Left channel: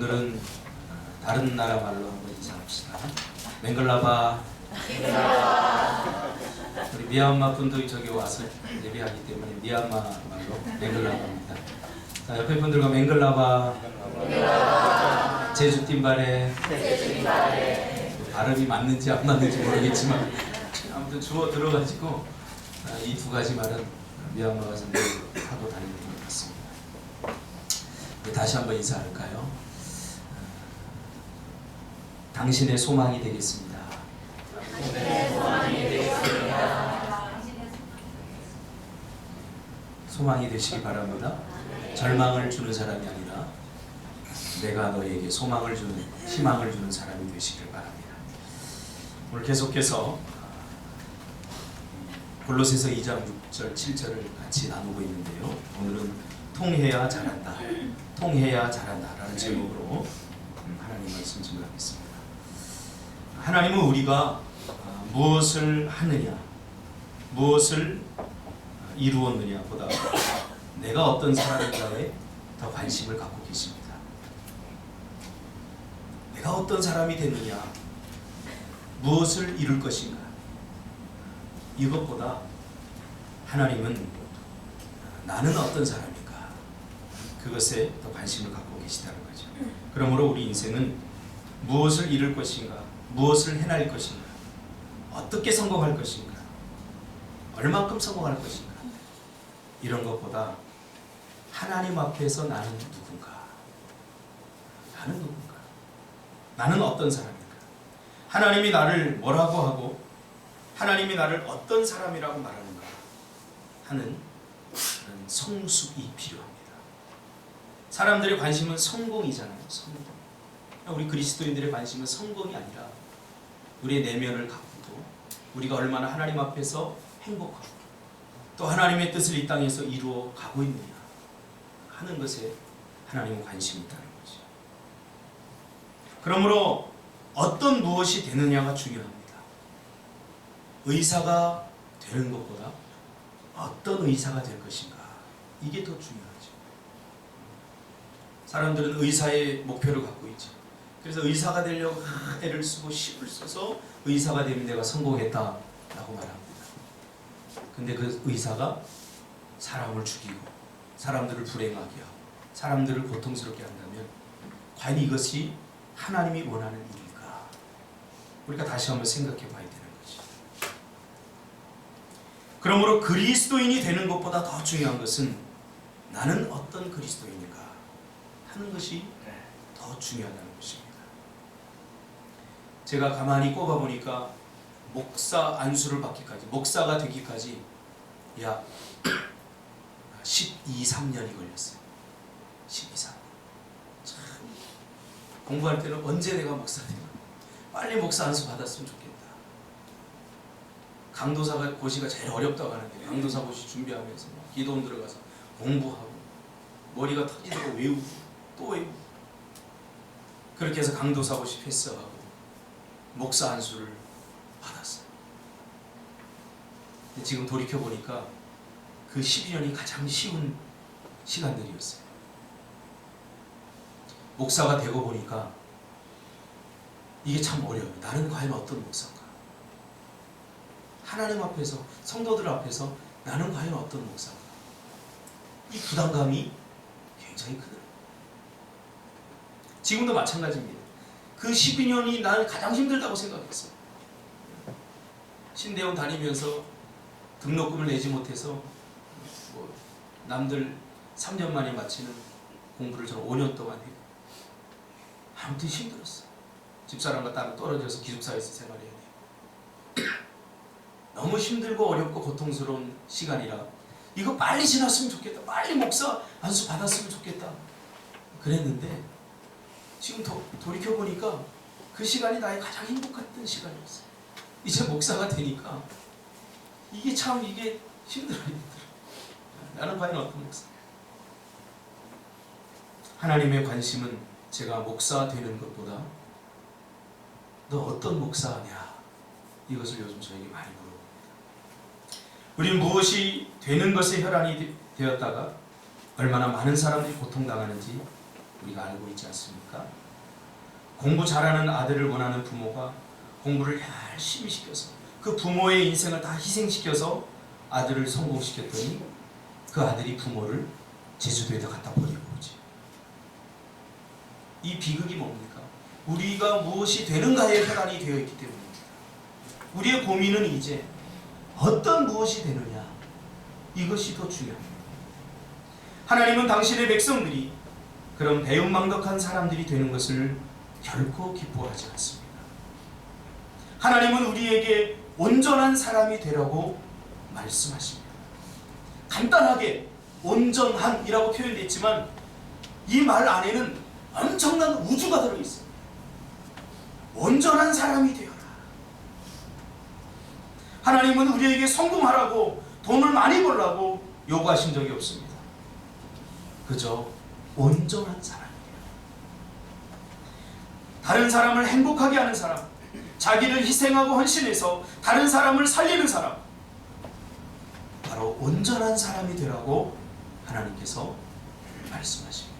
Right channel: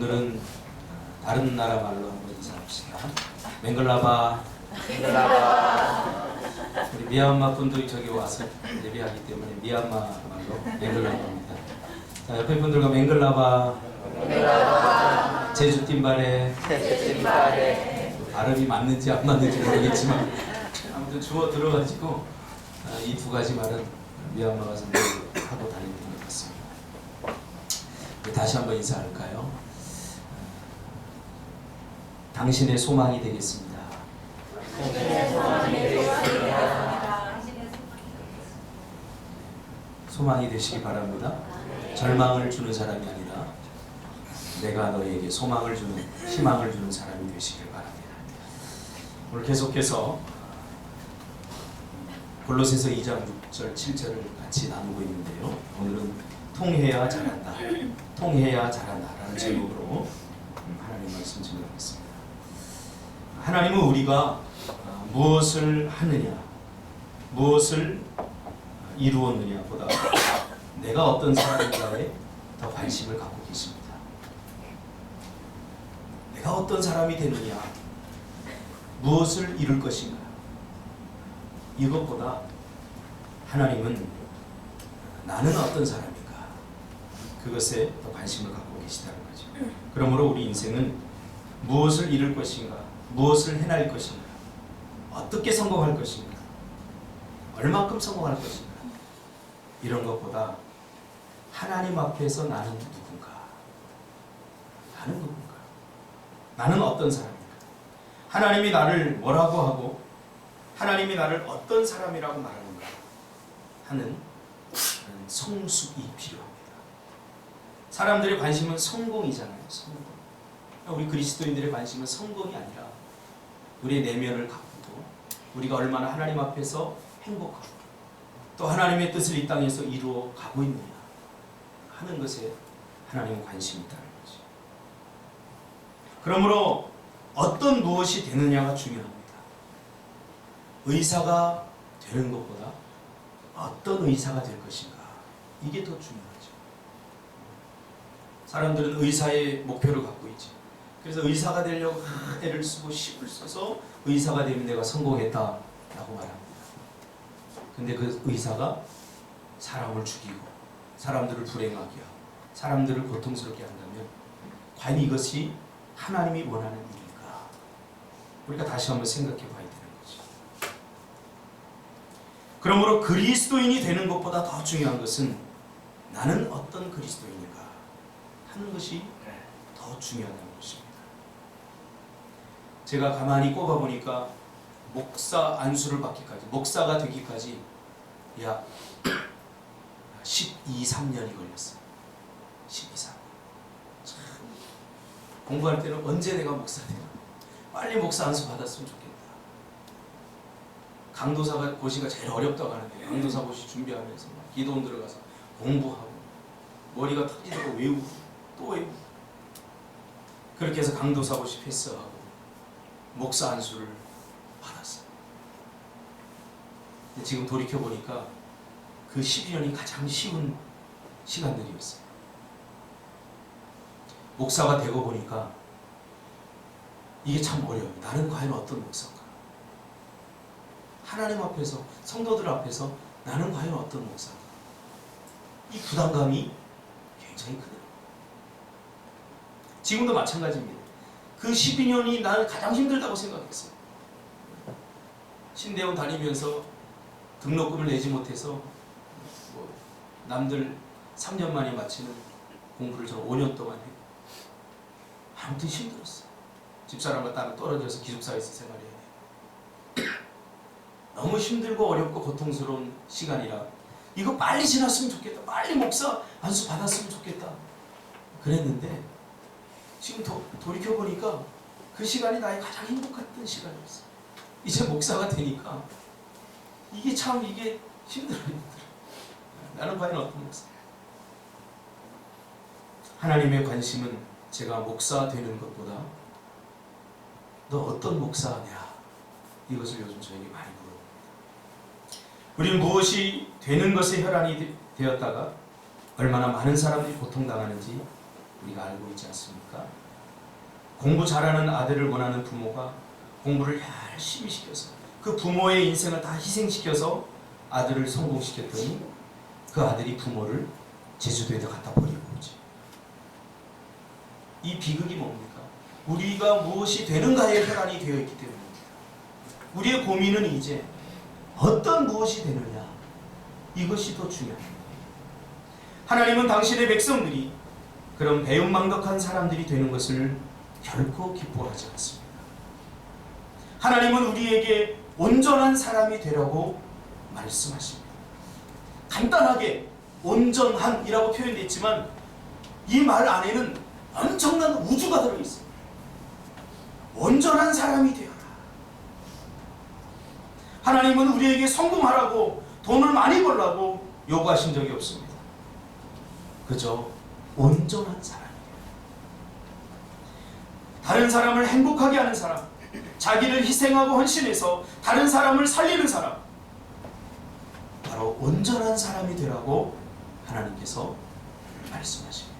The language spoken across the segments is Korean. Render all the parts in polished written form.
오늘은 다른 나라 말로 한번 인사합시다. 맹글라바. 우리 미얀마 분들이 저기 와서 예배하기 때문에 미얀마 말로 맹글라바입니다. 자, 옆에 분들과 맹글라바. 제주 띵바레. 발음이 맞는지 안 맞는지 모르겠지만 아무튼 주워 들어가지고 이 두 가지 말은 미얀마 가서 늘 하고 다니는 것 같습니다. 다시 한번 인사할까요? 당신의 소망이 되겠습니다. 소망이 되시기 바랍니다. 절망을 주는 사람이 아니라 내가 너에게 소망을 주는, 희망을 주는 사람이 되시길 바랍니다. 오늘 계속해서 골로새서 2장 6절 7절을 같이 나누고 있는데요. 오늘은 통해야 잘한다, 통해야 잘한다 라는 제목으로 하나님 말씀 증거하겠습니다. 하나님은 우리가 무엇을 하느냐, 무엇을 이루었느냐 보다 내가 어떤 사람인가에 더 관심을 갖고 계십니다. 내가 어떤 사람이 되느냐, 무엇을 이룰 것인가, 이것보다 하나님은 나는 어떤 사람인가, 그것에 더 관심을 갖고 계시다는 거죠. 그러므로 우리 인생은 무엇을 이룰 것인가, 무엇을 해낼 것인가, 어떻게 성공할 것인가, 얼만큼 성공할 것인가, 이런 것보다 하나님 앞에서 나는 누군가, 나는 누군가, 나는 어떤 사람인가, 하나님이 나를 뭐라고 하고 하나님이 나를 어떤 사람이라고 말하는가 하는 성숙이 필요합니다. 사람들의 관심은 성공이잖아요. 성공. 우리 그리스도인들의 관심은 성공이 아니라 우리의 내면을 가꾸고 우리가 얼마나 하나님 앞에서 행복하고 또 하나님의 뜻을 이 땅에서 이루어 가고 있느냐 하는 것에 하나님은 관심이 있다는 거죠. 그러므로 어떤 무엇이 되느냐가 중요합니다. 의사가 되는 것보다 어떤 의사가 될 것인가, 이게 더 중요하죠. 사람들은 의사의 목표를 갖고 있죠. 그래서 의사가 되려고 애를 쓰고 힘을 써서 의사가 되면 내가 성공했다라고 말합니다. 근데 그 의사가 사람을 죽이고 사람들을 불행하게 하고 사람들을 고통스럽게 한다면 과연 이것이 하나님이 원하는 일일까? 우리가 다시 한번 생각해 봐야 되는 거죠. 그러므로 그리스도인이 되는 것보다 더 중요한 것은 나는 어떤 그리스도인인가 하는 것이 더 중요하다는 것입니다. 제가 가만히 꼽아보니까 목사 안수를 받기까지, 목사가 되기까지 약 12, 3년이 걸렸어요. 12, 3년. 참, 공부할 때는 언제 내가 목사 되나, 빨리 목사 안수 받았으면 좋겠다. 강도사 고시가 제일 어렵다고 하는데 강도사 고시 준비하면서 기도원 들어가서 공부하고 머리가 터지도록 외우고 또 외우고 그렇게 해서 강도사 고시 패스하고 목사 안수를 받았어요. 근데 지금 돌이켜보니까 그 12년이 가장 쉬운 시간들이었어요. 목사가 되고 보니까 이게 참 어려워요. 나는 과연 어떤 목사인가? 하나님 앞에서, 성도들 앞에서 나는 과연 어떤 목사인가? 이 부담감이 굉장히 크더라고요. 지금도 마찬가지입니다. 그 12년이 나는 가장 힘들다고 생각했어요. 신대원 다니면서 등록금을 내지 못해서 남들 3년 만에 마치는 공부를 저는 5년 동안 했고 아무튼 힘들었어요. 집사람과 따로 떨어져서 기숙사에서 생활해야 돼요. 너무 힘들고 어렵고 고통스러운 시간이라 이거 빨리 지났으면 좋겠다, 빨리 목사 안수 받았으면 좋겠다 그랬는데 지금 돌이켜보니까 그 시간이 나의 가장 행복했던 시간이었어요. 이제 목사가 되니까 이게 참 이게 힘들어요. 나는 과연 어떤 목사? 하나님의 관심은 제가 목사 되는 것보다 너 어떤 목사냐, 이것을 요즘 저에게 많이 물어봅니다. 우리는 무엇이 되는 것에 혈안이 되었다가 얼마나 많은 사람들이 고통당하는지 우리가 알고 있지 않습니까? 공부 잘하는 아들을 원하는 부모가 공부를 열심히 시켜서 그 부모의 인생을 다 희생시켜서 아들을 성공시켰더니 그 아들이 부모를 제주도에다 갖다 버리고 오지. 이 비극이 뭡니까? 우리가 무엇이 되는가에 혈안이 되어 있기 때문입니다. 우리의 고민은 이제 어떤 무엇이 되느냐, 이것이 더 중요합니다. 하나님은 당신의 백성들이 그런 배은망덕한 사람들이 되는 것을 결코 기뻐하지 않습니다. 하나님은 우리에게 온전한 사람이 되라고 말씀하십니다. 간단하게 온전한이라고 표현되어 있지만 이 말 안에는 엄청난 우주가 들어있습니다. 온전한 사람이 되어라. 하나님은 우리에게 성공하라고, 돈을 많이 벌라고 요구하신 적이 없습니다. 그저 온전한 사람이에요. 다른 사람을 행복하게 하는 사람, 자기를 희생하고 헌신해서 다른 사람을 살리는 사람, 바로 온전한 사람이 되라고 하나님께서 말씀하십니다.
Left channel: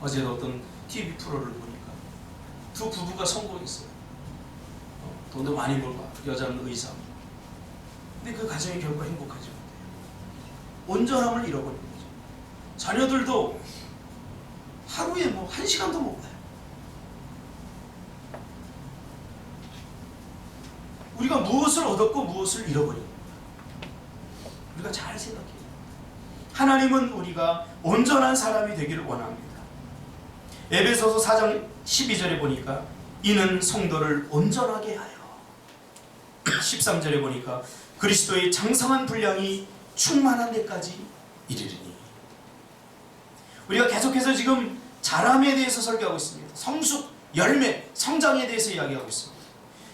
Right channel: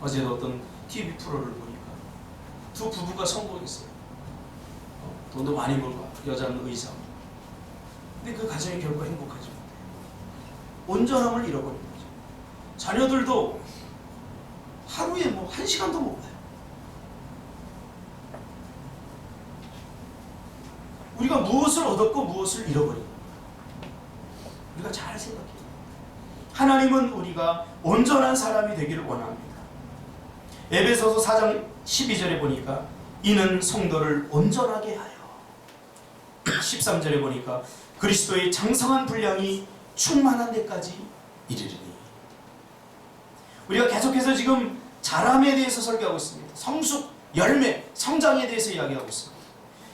어제도 어떤 TV 프로를 보니까 두 부부가 성공했어요. 돈도 많이 벌고 여자는 의사. 근데 그 가정이 결코 행복하지 못해요. 온전함을 잃어버린 거죠. 자녀들도 하루에 뭐 1시간도 못 봐요. 우리가 무엇을 얻었고 무엇을 잃어버린 겁니다. 우리가 잘 생각해요. 하나님은 우리가 온전한 사람이 되기를 원합니다. 에베소서 4장 12절에 보니까 이는 성도를 온전하게 하여, 13절에 보니까 그리스도의 장성한 분량이 충만한 데까지 이르리니. 우리가 계속해서 지금 자람에 대해서 설교하고 있습니다. 성숙, 열매, 성장에 대해서 이야기하고 있습니다.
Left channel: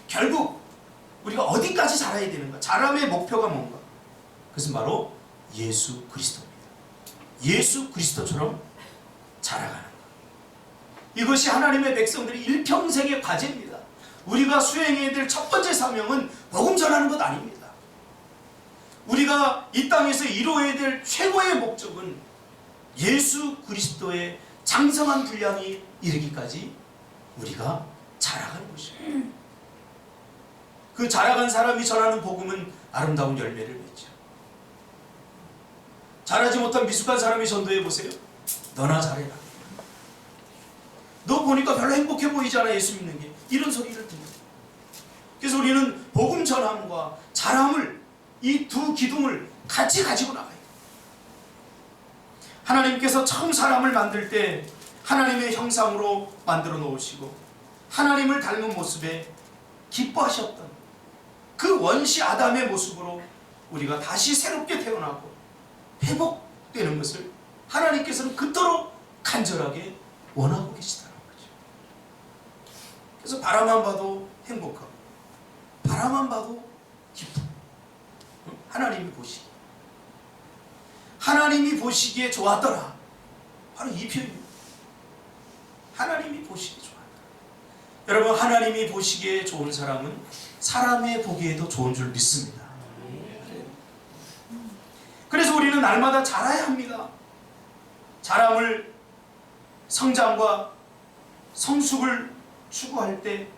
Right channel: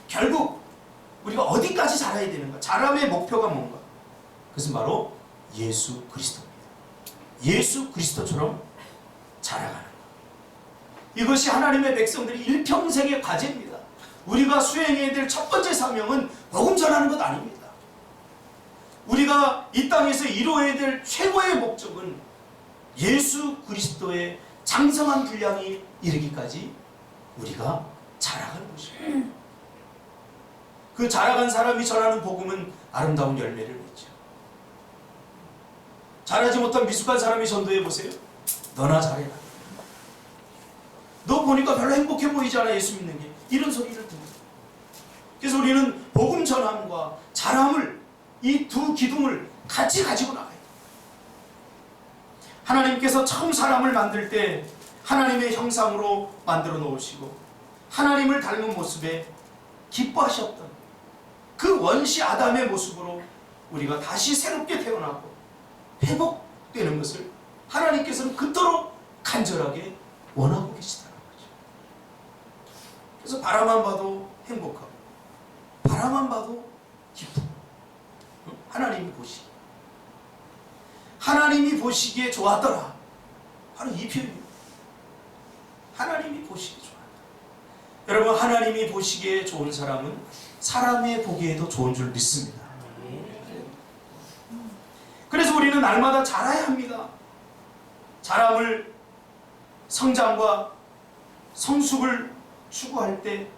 결국 우리가 어디까지 자라야 되는가? 자람의 목표가 뭔가? 그것은 바로 예수 그리스도입니다. 예수 그리스도처럼 자라가는 것. 이것이 하나님의 백성들이 일평생의 과제입니다. 우리가 수행해야 될 첫 번째 사명은 복음 전하는 것 아닙니다. 우리가 이 땅에서 이루어야 될 최고의 목적은 예수 그리스도의 장성한 분량이 이르기까지 우리가 자라가는 것입니다. 그 자라간 사람이 전하는 복음은 아름다운 열매를 맺죠. 자라지 못한 미숙한 사람이 전도해 보세요. 너나 잘해라. 너 보니까 별로 행복해 보이잖아, 예수 믿는 게. 이런 소리를 듣는. 그래서 우리는 복음 전함과 자람을, 이 두 기둥을 같이 가지고 나가야 돼요. 하나님께서 처음 사람을 만들 때 하나님의 형상으로 만들어 놓으시고 하나님을 닮은 모습에 기뻐하셨던 그 원시 아담의 모습으로 우리가 다시 새롭게 태어나고 회복되는 것을 하나님께서는 그토록 간절하게 원하고 계시다는 거죠. 그래서 바라만 봐도 행복하고 바라만 봐도 기쁘고, 하나님이 보시기에, 하나님이 보시기에 좋았더라. 바로 이 표현입니다. 하나님이 보시기에 좋았더라. 여러분, 하나님이 보시기에 좋은 사람은 사람의 보기에도 좋은 줄 믿습니다. 그래서 우리는 날마다 자라야 합니다. 자람을, 성장과 성숙을 추구할 때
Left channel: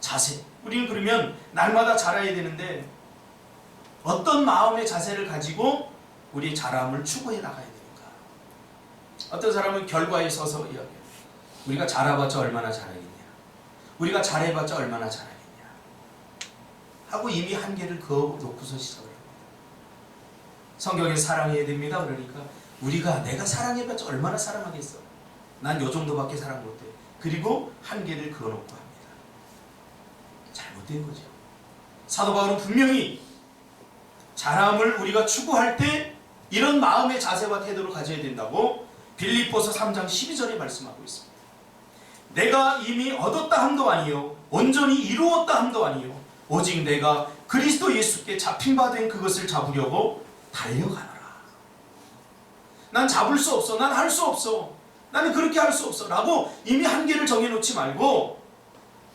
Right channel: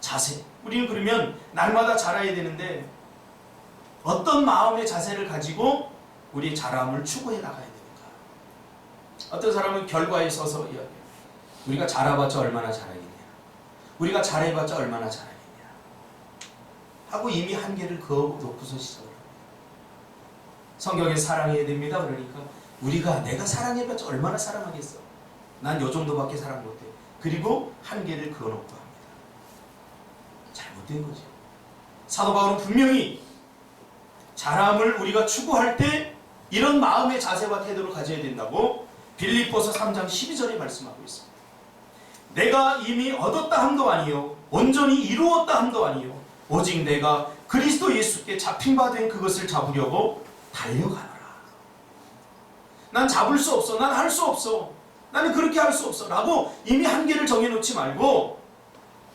자세. 우리는 그러면 날마다 자라야 되는데 어떤 마음의 자세를 가지고 우리 자람을 추구해 나가야 되는가? 어떤 사람은 결과에 서서 이야기해요. 우리가 자라봤자 얼마나 자라겠냐? 우리가 잘해봤자 얼마나 잘하겠냐? 하고 이미 한계를 그어놓고서 시작을 합니다. 성경에 사랑해야 됩니다. 그러니까 우리가 내가 사랑해봤자 얼마나 사랑하겠어? 난 요 정도밖에 사랑 못해. 그리고 한계를 그어놓고 합니다. 잘못된 거죠. 사도 바울은 분명히 자람을 우리가 추구할 때 이런 마음의 자세와 태도를 가져야 된다고 빌립보서 3장 12절에 말씀하고 있습니다. 내가 이미 얻었다 함도 아니요 온전히 이루었다 함도 아니요 오직 내가 그리스도 예수께 잡힌 바 된 그것을 잡으려고 달려가노라. 난 잡을 수 없어. 난 할 수 없어. 나는 그렇게 할 수 없어. 라고 이미 한계를 정해놓지 말고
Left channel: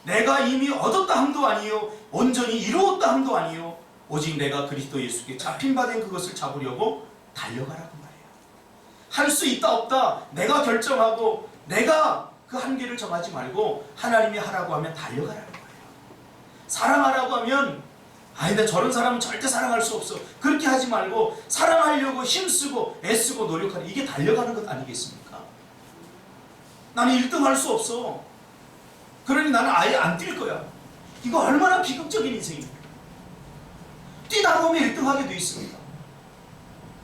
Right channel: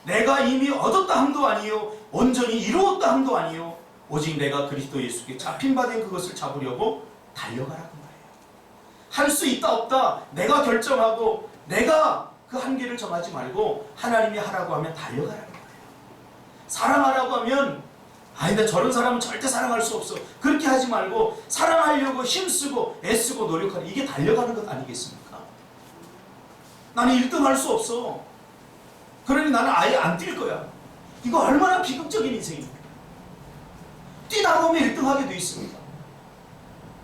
내가 이미 얻었다 함도 아니요 온전히 이루었다 함도 아니요 오직 내가 그리스도 예수께 잡힌 바 된 그것을 잡으려고 달려가라고 말해요. 할 수 있다 없다 내가 결정하고 내가 그 한계를 정하지 말고 하나님이 하라고 하면 달려가라는 거예요. 사랑하라고 하면 나 저런 사람은 절대 사랑할 수 없어. 그렇게 하지 말고 사랑하려고 힘쓰고 애쓰고 노력하는, 이게 달려가는 것 아니겠습니까? 나는 1등 할 수 없어. 그러니 나는 아예 안 뛸 거야. 이거 얼마나 비극적인 인생입니까? 뛰다 보면 1등 하게 돼 있습니다.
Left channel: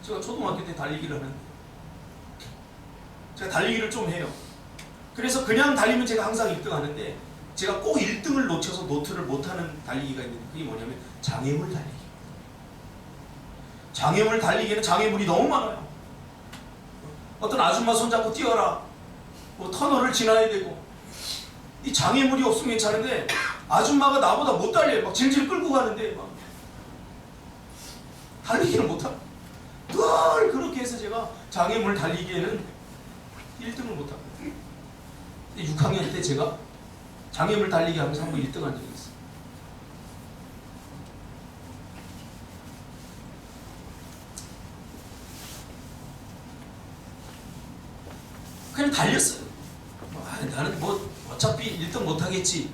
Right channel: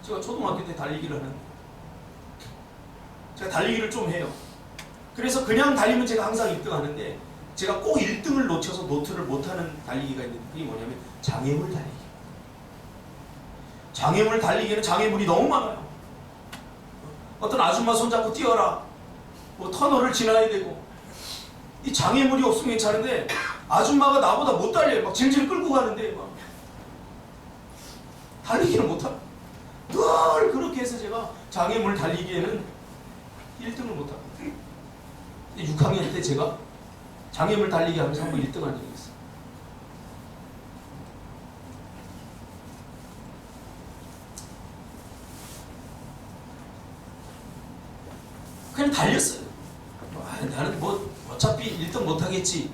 제가 초등학교 때 달리기를 하는데 제가 달리기를 좀 해요. 그래서 그냥 달리면 제가 항상 1등 하는데 제가 꼭 1등을 놓쳐서 노트를 못하는 달리기가 있는데 그게 뭐냐면 장애물 달리기. 장애물 달리기는 장애물이 너무 많아요. 어떤 아줌마 손잡고 뛰어라, 뭐 터널을 지나야 되고, 이 장애물이 없으면 괜찮은데 아줌마가 나보다 못 달려요. 막 질질 끌고 가는데 막 달리기를 못하고 늘 그렇게 해서 제가 장애물 달리기에는 1등을 못하고 6학년 때 제가 장애물 달리기 하면서 한번 1등 한 적이 있어요. 그냥 달렸어요. 나는 뭐 어차피 1등 못하겠지,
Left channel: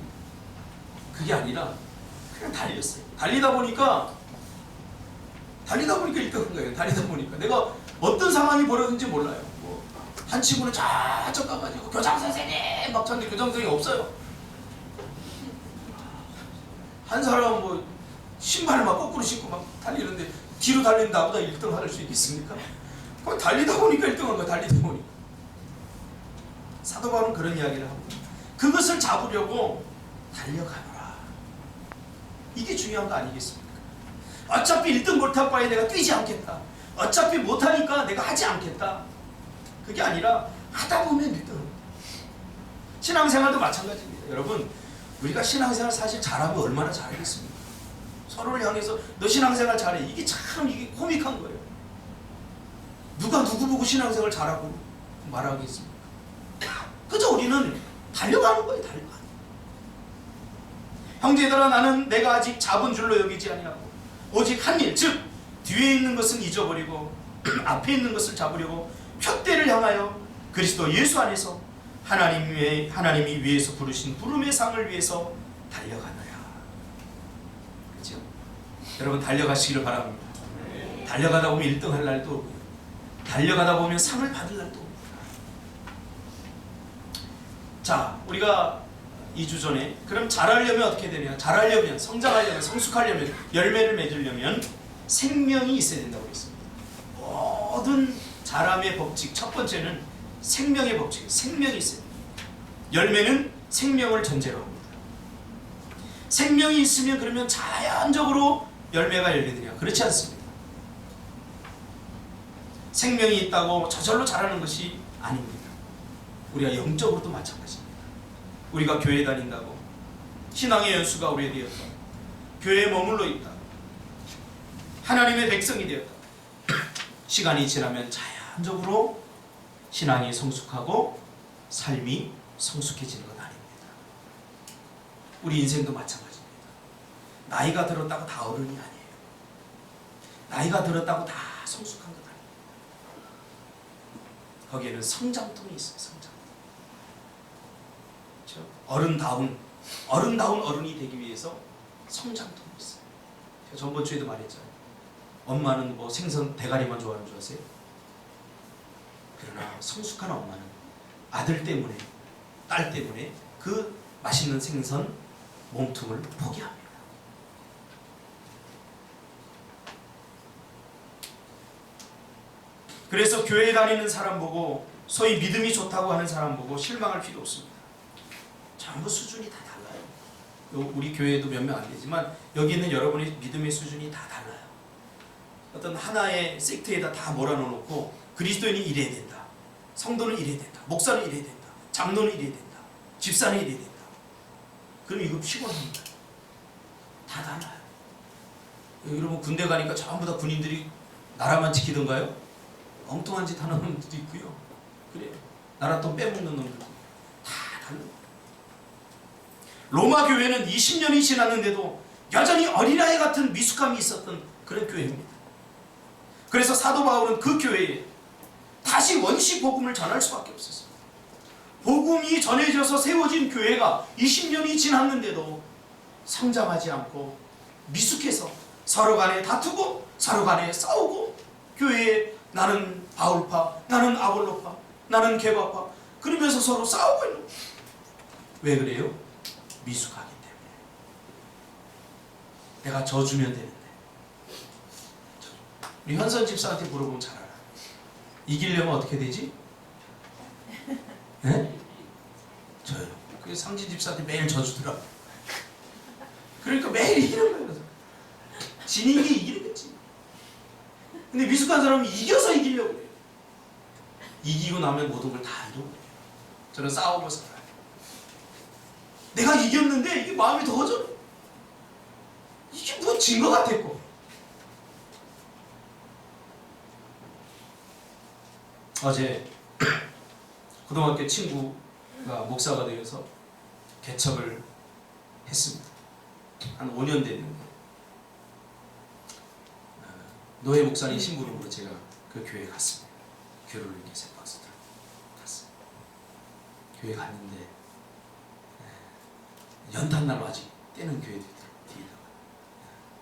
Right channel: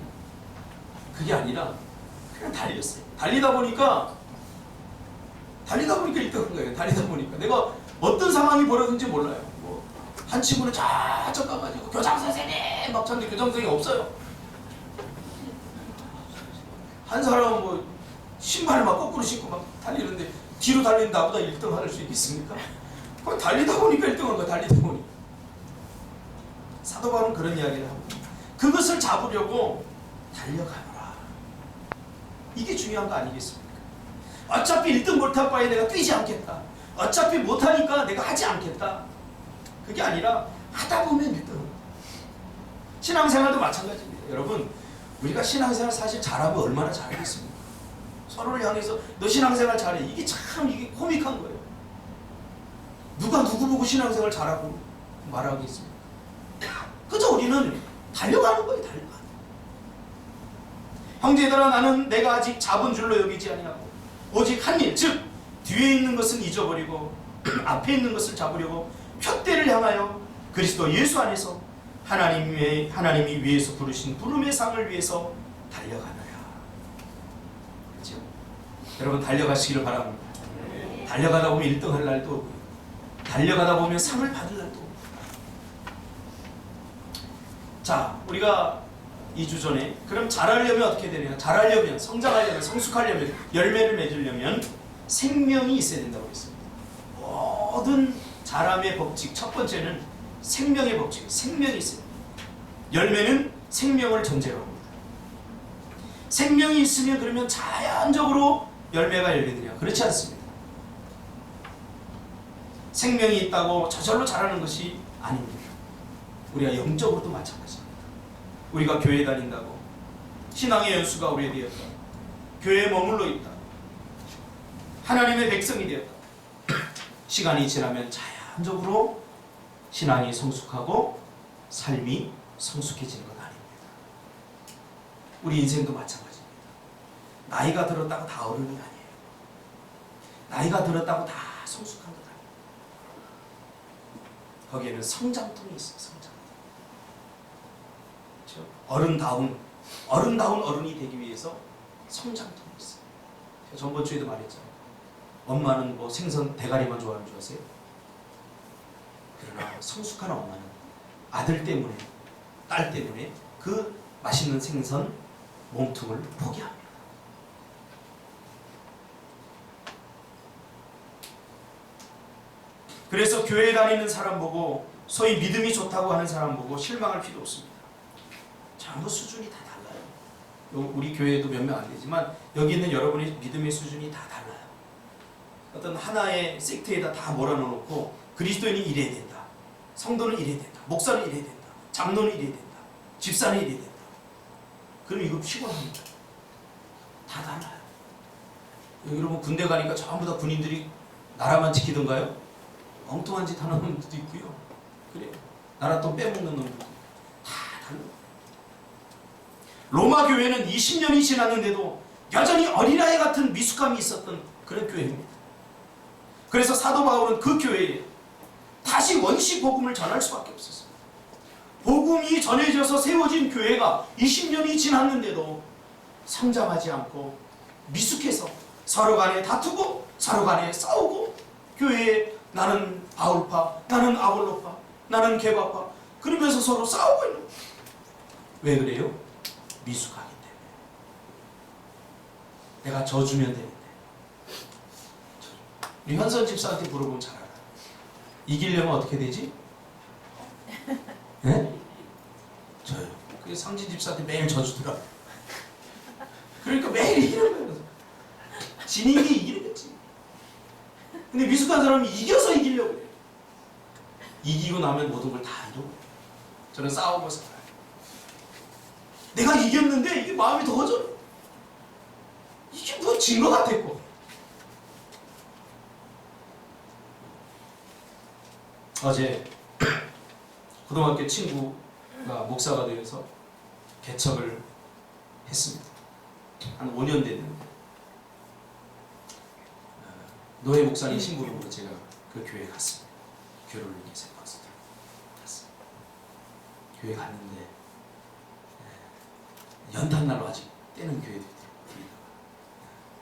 그게 아니라 그냥 달렸어요. 달리다 보니까 1등 한 거예요. 달리다 보니까 내가 어떤 상황이 벌어졌는지 몰라요. 뭐 한 친구는 저쪽 가가지고 교장 선생님 막 찾는데 교장 선생님이 없어요. 한 사람은 뭐 신발을 막 거꾸로 신고 막 달리는데 뒤로 달리는 나보다 1등 할 수 있겠습니까? 달리다 보니까 1등 한 거야. 달리다 보니까. 사도 바울은 그런 이야기를 하고, 그것을 잡으려고 달려가노라. 이게 중요한 거 아니겠습니까? 어차피 1등 못할 바에 내가 뛰지 않겠다. 어차피 못하니까 내가 하지 않겠다. 그게 아니라 하다 보면 1등. 신앙생활도 마찬가지입니다. 여러분, 우리가 신앙생활 사실 잘하면 얼마나 잘하겠습니까? 서로를 향해서 너 신앙생활 잘해. 이게 참 이게 코믹한 거예요. 누가 누구 보고 신앙생활 잘하고 말하겠습니까? 그저 우리는 달려가는 거예요. 달려가는 거예요. 형제들아, 나는 내가 아직 잡은 줄로 여기지 아니하고 오직 한 일, 즉 뒤에 있는 것은 잊어버리고 앞에 있는 것을 잡으려고 표대를 향하여 그리스도 예수 안에서 하나님이 위에서 부르신 부름의 상을 위해서 달려가노라. 그렇죠? 여러분, 달려가시기를 바랍니다. 달려가다 보면 1등 할 날도 오고요. 달려가다 보면 상을 받을 날도 오고요. 자, 우리가 2주 전에 그럼 잘하려면 어떻게 되냐? 잘하려면, 성장하려면, 성숙하려면, 열매를 맺으려면 생명이 있어야 된다고 했습니다. 모든 자람의 법칙, 첫 번째는 생명의 법칙이에요. 생명이 있어야 됩니다. 열매는 생명을 전제로 합니다. 생명이 있으면 그러면 자연적으로 열매가 열리느냐? 그렇지 않습니다. 생명이 있다고 저절로 자라는 것이 아닙니다. 우리가 영적으로도 마찬가지입니다. 우리가 교회 다닌다고 신앙의 연수가 오래되었다, 교회에 머물러 있다, 하나님의 백성이 되었다, 시간이 지나면 자연적으로 신앙이 성숙하고 삶이 성숙해지는 건 아닙니다. 우리 인생도 마찬가지입니다. 나이가 들었다고 다 어른이 아니에요. 나이가 들었다고 다 성숙한 것 아니에요. 거기에는 성장통이 있어요. 성장통. 그렇죠? 아름다운 어른이 되기 위해서 성장통이 있어요. 제가 전번 주에도 말했잖아요. 엄마는 뭐 생선 대가리만 좋아하는 줄 아세요? 그러나 성숙한 엄마는 아들 때문에, 딸 때문에 그 맛있는 생선 몸통을 포기합니다. 그래서 교회 다니는 사람 보고, 소위 믿음이 좋다고 하는 사람 보고 실망할 필요 없습니다. 전부 수준이 다 달라요. 우리 교회에도 몇 명 안 되지만 여기 있는 여러분의 믿음의 수준이 다 달라요. 어떤 하나의 섹트에다 다 몰아넣어놓고 그리스도인이 이래야 된다, 성도는 이래야 된다, 목사는 이래야 된다, 장로는 이래야 된다, 집사는 이래야 된다. 그럼 이거 피곤합니다. 다 달라요. 여러분 군대 가니까 전부 다 군인들이 나라만 지키던가요? 엉뚱한 짓 하는 놈들도 있고요. 그래요. 나라 돈 빼먹는 놈들도 다 달라요. 로마 교회는 20년이 지났는데도 여전히 어린아이 같은 미숙함이 있었던 그런 교회입니다. 그래서 사도 바울은 그 교회에 다시 원시 복음을 전할 수밖에 없었어요. 복음이 전해져서 세워진 교회가 20년이 지났는데도 성장하지 않고 미숙해서 서로 간에 다투고 서로 간에 싸우고, 교회에 나는 바울파, 나는 아볼로파, 나는 게바파 그러면서 서로 싸우고 있는 거예요. 왜 그래요? 미숙하기 때문에. 내가 져주면 되는데. 우리 현선 집사한테 물어보면 잘 알아요. 이기려면 어떻게 되지? 네? 저요. 그게 상진 집사한테 매일 져주더라. 그러니까 매일 이기는 거예요. 지는 게 이기는 거지. 근데 미숙한 사람은 이겨서 이기려고 해요. 이기고 나면 모든 걸 다 잃어버려요. 저는 싸우고 살아요. 내가 이겼는데 이게 마음이 더워져. 이게 뭐 진 것 같았고. 어제 고등학교 친구가 목사가 되어서 개척을 했습니다. 한 5년 됐는데 노예 목사님 심부름으로 제가 그 교회에 갔습니다. 교회를 이렇게 세 박스 들고 갔어요. 교회 갔는데 연탄날로 아직 떼는 교회도 뒤에다가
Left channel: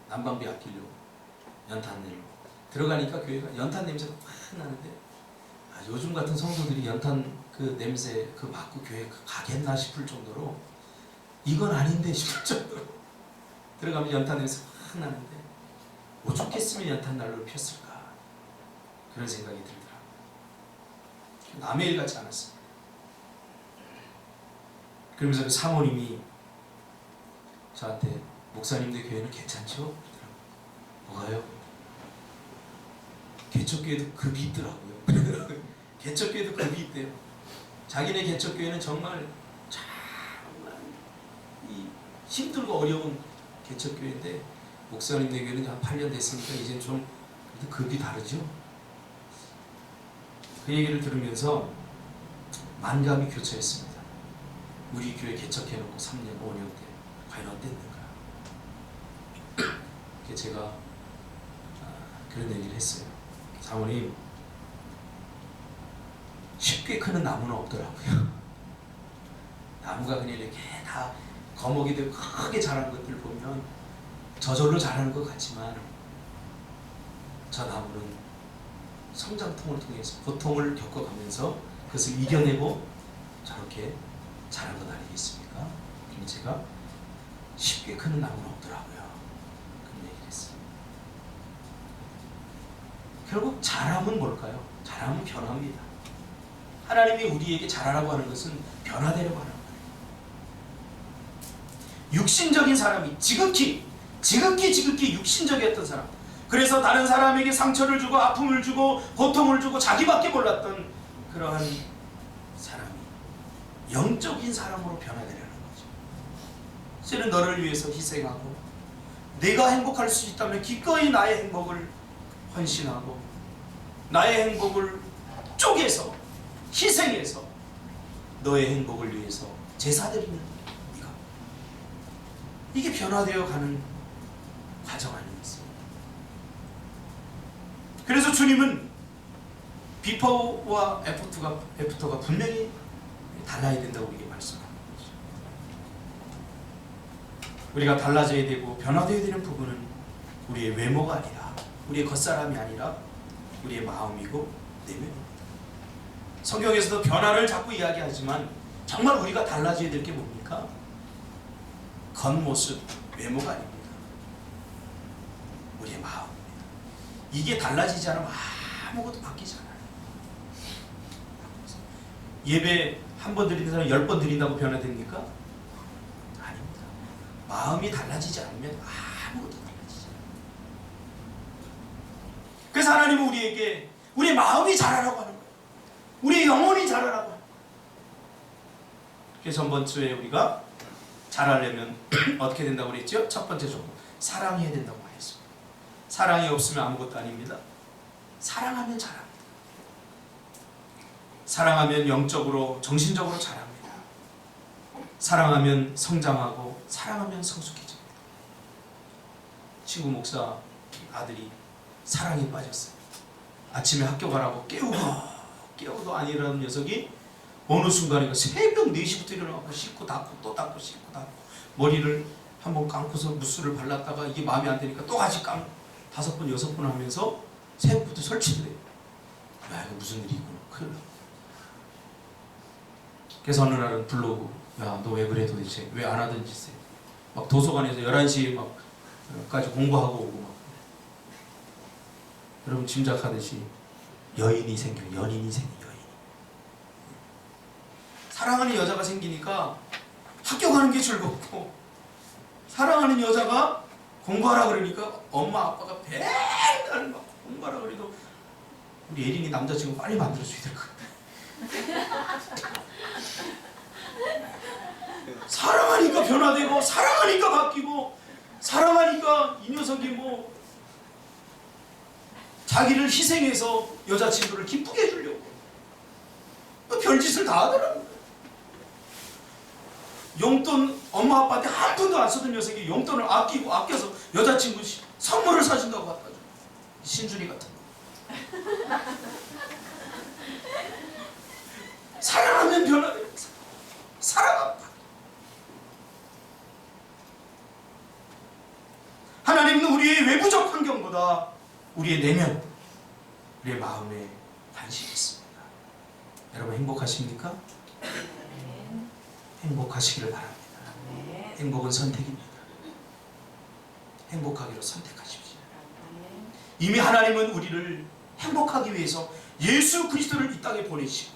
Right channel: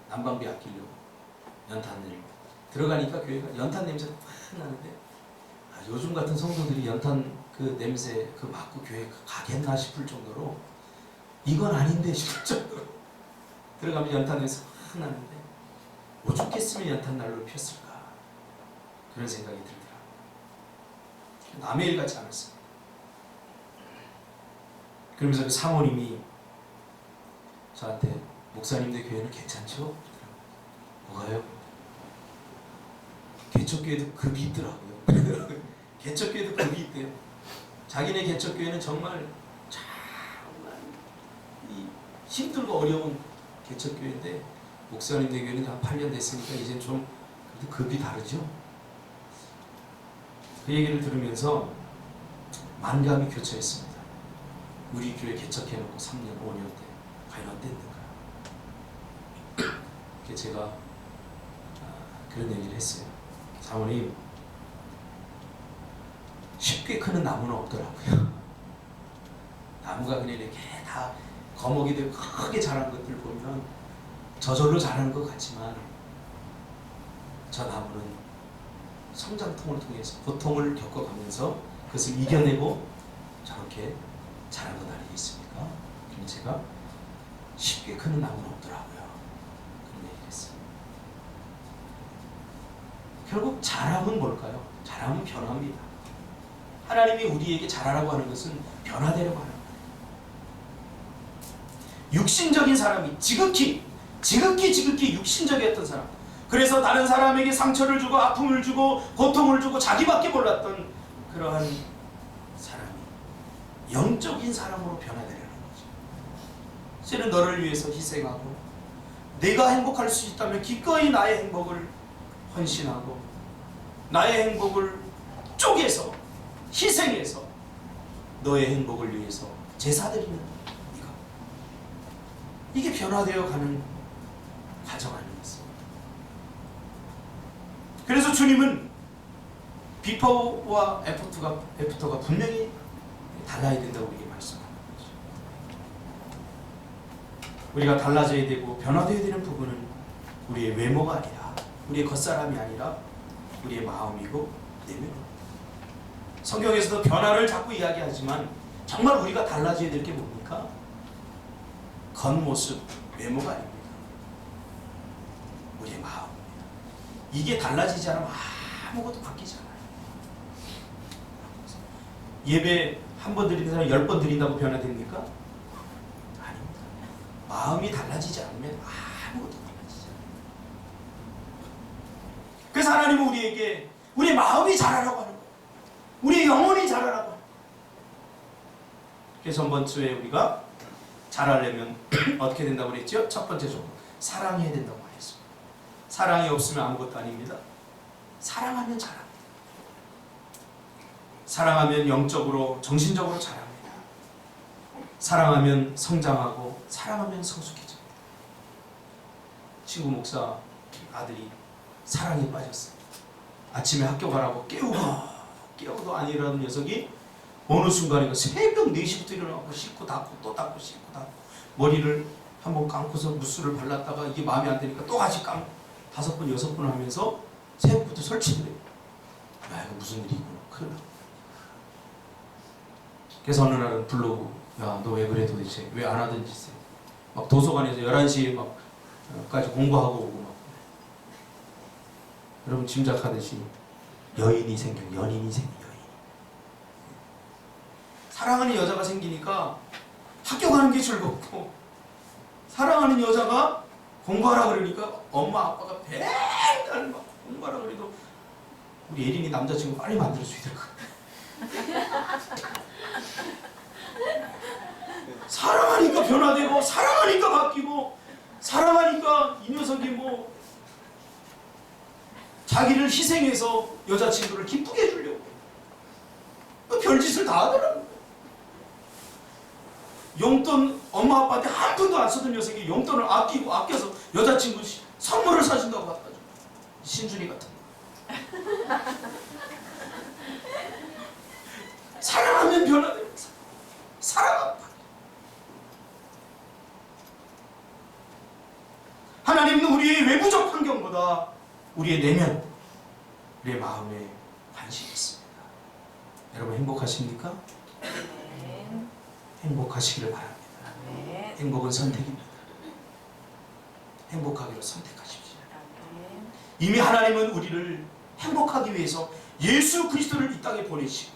난방비 아끼려고 연탄내로 들어가니까 교회가 연탄 냄새가 확 나는데, 요즘 같은 성도들이 연탄 그 냄새 그 맡고 교회 가겠나 싶을 정도로, 이건 아닌데 싶을 정도로 들어가면 연탄 냄새 확 나는데, 오죽했으면 연탄 난로를 폈을까 그런 생각이 들더라고요. 남의 일 같지 않았습니다. 그러면서 그 사모님이 저한테 목사님들 교회는 괜찮죠? 뭐가요? 개척교회도 급이 있더라고요. 개척교회도 급이 있대요. 자기네 개척교회는 정말 힘들고 어려운 개척교회인데 목사님들 교회는 한 8년 됐으니까 이제는 좀 그래도 급이 다르죠. 그 얘기를 들으면서 만감이 교차했습니다. 우리 교회 개척해놓고 3년, 5년 때 과연 어땠는가. 그래서 제가 그런 얘기를 했어요. 사모님, 쉽게 크는 나무는 없더라고요. 나무가 그냥 이렇게 다 거목이 되고 크게 자라는 것들 보면 저절로 자라는 것 같지만, 저 나무는 성장통을 통해서 고통을 겪어가면서 그것을 이겨내고 저렇게 자란 것 아니겠습니까? 그럼 제가 쉽게 크는 나무는 없더라고요. 그런 얘기를 했어요. 결국 자람은 뭘까요? 자람은 변화입니다. 하나님이 우리에게 자라라고 하는 것은 변화되려고 하는 거예요. 육신적인 사람이 지극히 육신적이었던 사람, 그래서 다른 사람에게 상처를 주고 아픔을 주고 고통을 주고 자기밖에 몰랐던 그러한 사람이 영적인 사람으로 변화되려는 거죠. 저는 너를 위해서 희생하고 내가 행복할 수 있다면 기꺼이 나의 행복을 헌신하고 나의 행복을 쪼개서 희생해서 너의 행복을 위해서 제사드리는 이거, 이게 변화되어 가는 과정 아니겠습니까? 그래서 주님은 비포와 애프터가 분명히 달라야 된다고 우리에게 말씀하는 거죠. 우리가 달라져야 되고 변화되어야 되는 부분은 우리의 외모가 아니라, 우리의 겉사람이 아니라 우리의 마음이고 내면입니다. 성경에서도 변화를 자꾸 이야기하지만 정말 우리가 달라져야 될 게 뭡니까? 겉모습, 외모가 아닙니다. 우리의 마음입니다. 이게 달라지지 않으면 아무것도 바뀌지 않아요. 예배 한 번 드리는 사람이 10번 드린다고 변화됩니까? 아닙니다. 마음이 달라지지 않으면 아무것도 달라지지 않아요. 그래서 하나님은 우리에게 우리의 마음이 자라라고 하는 거예요. 우리의 영혼이 자라라고 하는 거예요. 그래서 전번 주에 우리가 자라려면 어떻게 된다고 그랬죠? 첫 번째 조건, 사랑해야 된다고 말했습니다. 사랑이 없으면 아무것도 아닙니다. 사랑하면 자랍니다. 사랑하면 영적으로, 정신적으로 자랍니다. 사랑하면 성장하고, 사랑하면 성숙해집니다. 친구 목사 아들이 사랑에 빠졌어요. 아침에 학교 가라고 깨우고 깨워도 안 일어나는 녀석이 어느 순간인가 새벽 4시부터 일어나고 씻고 닦고 또 닦고 씻고 닦고 머리를 한번 감고서 무스를 발랐다가 이게 마음에 안 드니까 또 같이 감고 5번 6번 하면서 새벽부터 설치를 해요. 야, 이거 무슨 일이 있구나. 큰일 나. 그래서 어느 날은 불러오고, 야, 너 왜 그래 도대체? 왜 안 하던 짓을? 막 도서관에서 11시에 까지 공부하고 오고 막. 여러분 짐작하듯이 연인이 생겨요. 여인이. 사랑하는 여자가 생기니까 학교 가는 게 즐겁고, 사랑하는 여자가 공부하라 그러니까 엄마 아빠가 맨날 막 공부하라 그래도 우리 예린이 남자친구 빨리 만들어줘야 될 것 같아. 사랑하니까 변화되고, 사랑하니까 바뀌고, 사랑하니까 이 녀석이 뭐 자기를 희생해서 여자친구를 기쁘게 해주려고 별짓을 다 하더라고요. 용돈 엄마 아빠한테 한 푼도 안 쓰던 녀석이 용돈을 아껴서 여자친구 선물을 사준다고 갖다 줘. 신준이 같은 거. 사랑하면 변화되고, 사랑하면 바뀌어. 하나님은 우리의 외부적 환경보다 우리의 내면, 우리의 마음에 관심이 있습니다. 여러분 행복하십니까? 행복하시기를 바랍니다. 행복은 선택입니다. 행복하기로 선택하십시오. 이미 하나님은 우리를 행복하기 위해서 예수 그리스도를 이 땅에 보내시고